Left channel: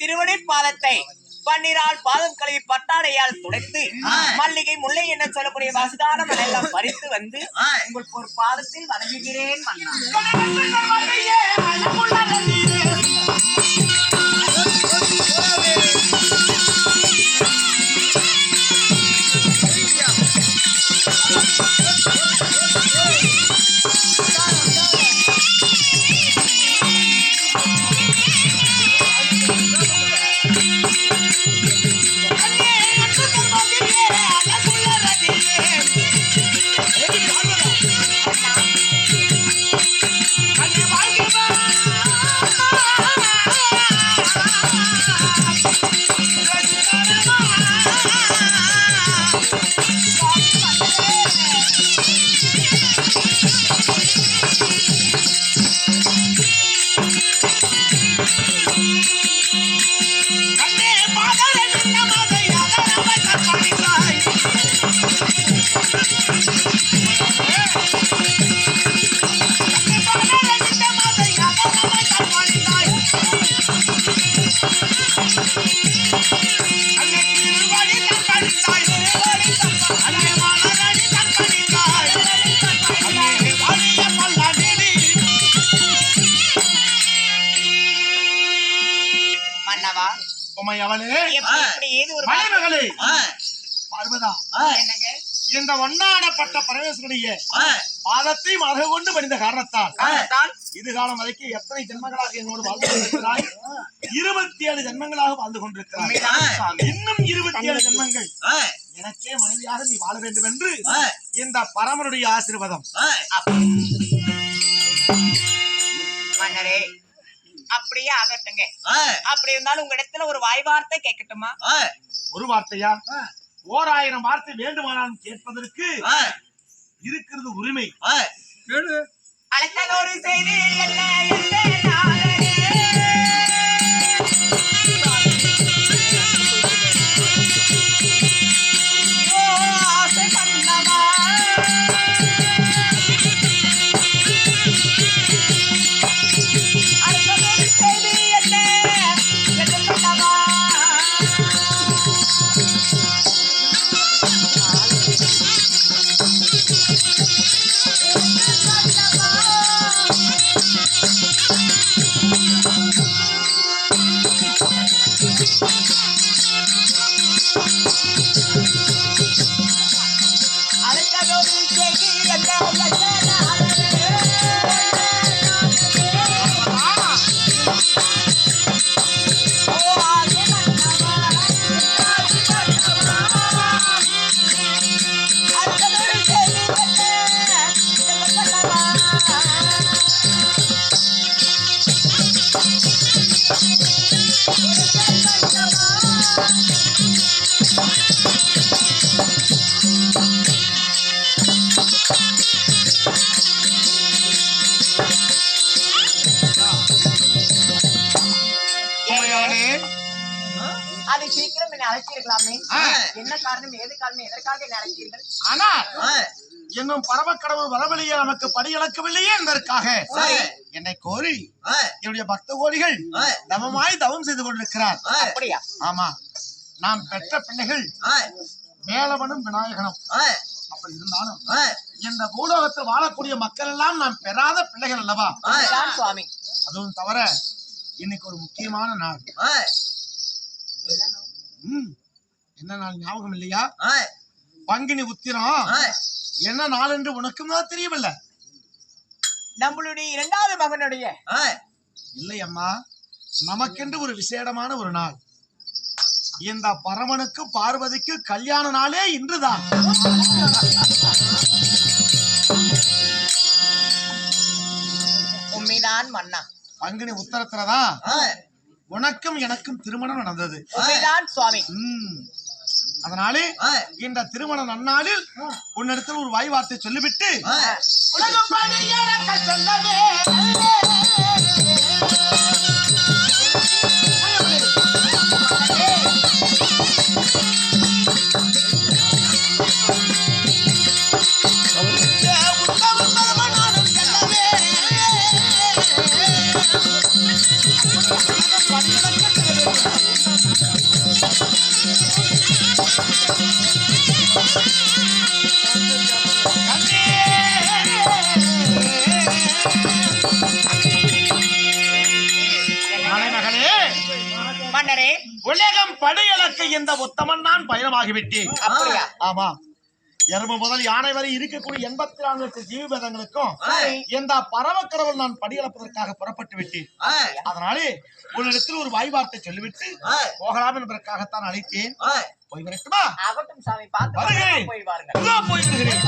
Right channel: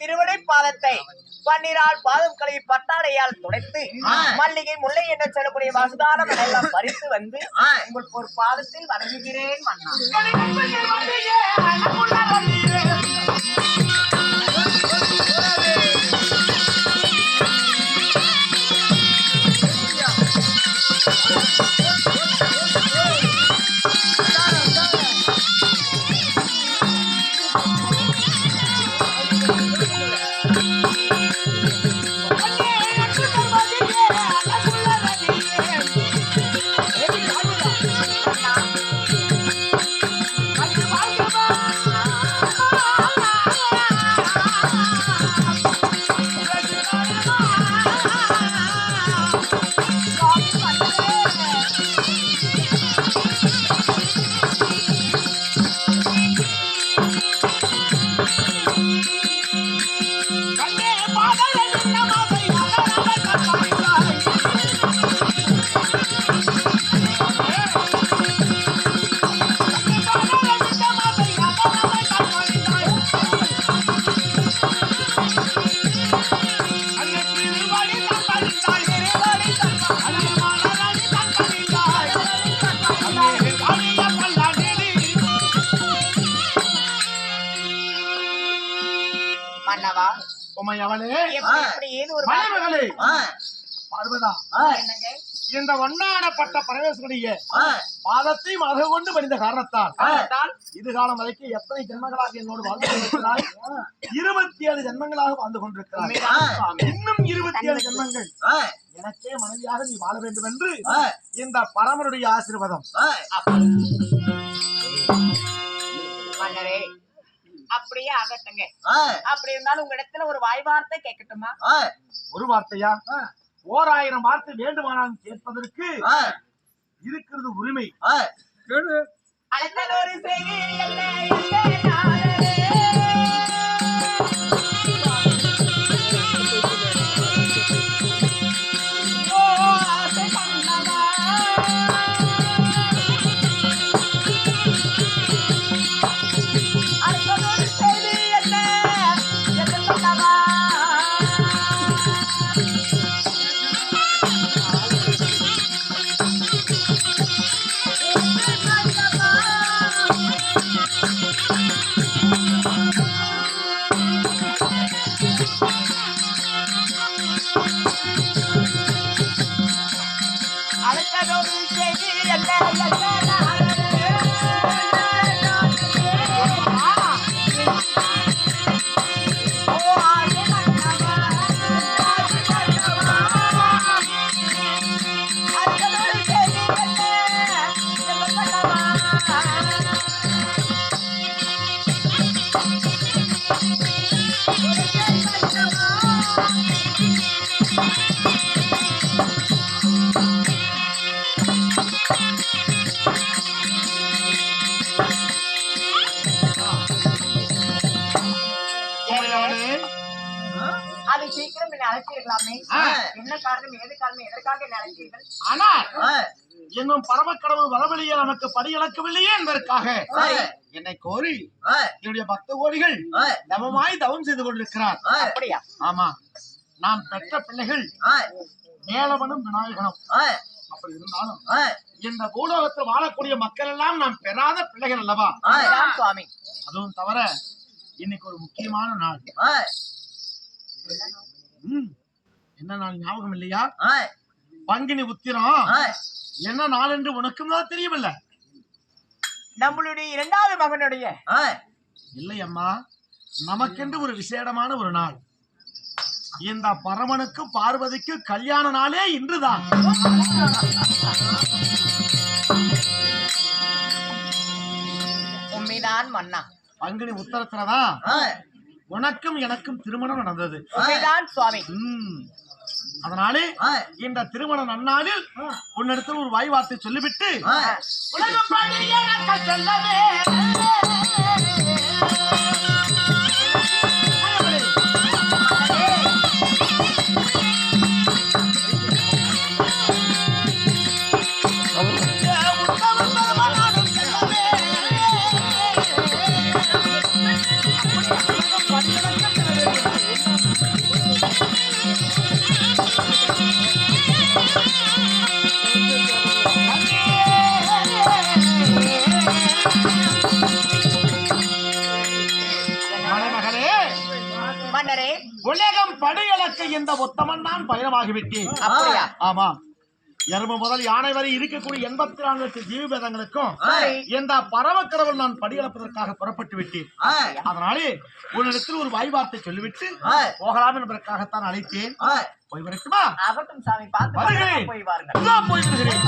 திருவடி பாதத்தை பன்னிரால் பாதம் கழுவி பட்டாடையால் துடைத்து மல்லிகை முல்லை என்ன சொல்லக்கூடிய வசுதானம் எல்லாம் பறித்து வந்து உங்களுக்கு ஒரு பாதத்தில் வணங்குகிறேன் மன்னா. இந்த வண்ணாடப்பட்ட பரமேஸ்வரிய பாதத்தை மத கொண்டு பணிந்த காரணத்தால் இதுகாலம் வரைக்கும் எத்தனை ஜென்மங்களாக என்னோடு வாழ்ந்து கொண்டிருக்கிறாய்? 27 ஜென்மங்களாக வாழ்ந்து கொண்டிருக்கிறாய். இன்னும் 27 ஜென்மங்கள் எனக்கே மனைவியாக நீ வாழ வேண்டும் என்று இந்த பரமனுடைய ஆசீர்வாதம். அப்படியே ஆகட்டுங்க. அப்படி இருந்தாலும் உங்க இடத்துல ஒரு வாய் வார்த்தை கேட்கட்டுமா? ஒரு வார்த்தையா? 1000 வார்த்தை வேண்டுமானாலும் கேட்பதற்கு இருக்கிறது உரிமை. அழைத்தல் ஒரு செய்தி அது சீக்கிரம் என்ன அழைச்சிருக்கலாமே. என்ன காரணம், ஏது காரணம், எதற்காக என்ன அழைத்தீர்கள்? ஆனால் என்னும் பரமக்கடவுள் வரவழியே நமக்கு படி இழக்கவில்லையே என்பதற்காக என்னை கோரி என்னுடைய பக்த கோடிகள் தவமாய் தவம் செய்து கொண்டிருக்கிறார். அப்படியா? ஆமா, நாம் பெற்ற பிள்ளைகள் வேலவனும் விநாயகனும். அப்படி இருந்தாலும் இந்த பூலோகத்தில் வாழக்கூடிய மக்கள் எல்லாம் நாம் பெறாத பிள்ளைகள் அல்லவா சுவாமி? அதுவும் தவிர இன்னைக்கு ஒரு முக்கியமான நாள். என்ன நாள் ஞாபகம் இல்லையா? பங்குனி உத்திரம். என்ன நாள் என்று உனக்கும் தான் தெரியவில்லை? நம்மளுடைய 2வது மகனுடைய இல்லை அம்மா, நமக்கென்று ஒரு விசேடமான ஒரு நாள். இந்த பரமனுக்கு பார்வதிக்கு கல்யாண நாளே இன்றுதான். உண்மைதான் மன்னா. பங்குனி உத்தரத்துலதான் உனக்கும் எனக்கும் திருமணம் நடந்தது. உண்மைதான் சுவாமி. அதனாலே இந்த திருமண நன்னாளில் உன்னிடத்தில் ஒரு வாய் வார்த்தை சொல்லிவிட்டு உலகம் சொல்லவே மன்னரே உலகம் படையலக்க இந்த உத்தமன் நான் பயணமாகிவிட்டேன். அப்படியா? ஆமா, எறும்பு முதல் யானை வரை இருக்கக்கூடிய 84 லட்சம் ஜீவபேதங்களுக்கும் இந்த பரமக்கடவுள் நான் படியளப்பதற்காக புறப்பட்டு விட்டேன். அதனாலே உன்னிடத்தில் ஒரு வாய்வார்த்தை சொல்லிவிட்டு போகலாம் என்பதற்காகத்தான் அழைத்தேன். போய் வரட்டுமா? ஆகட்டும் சாமி, பார்த்து போய் வாருங்கள். போய் வருகிறேன்.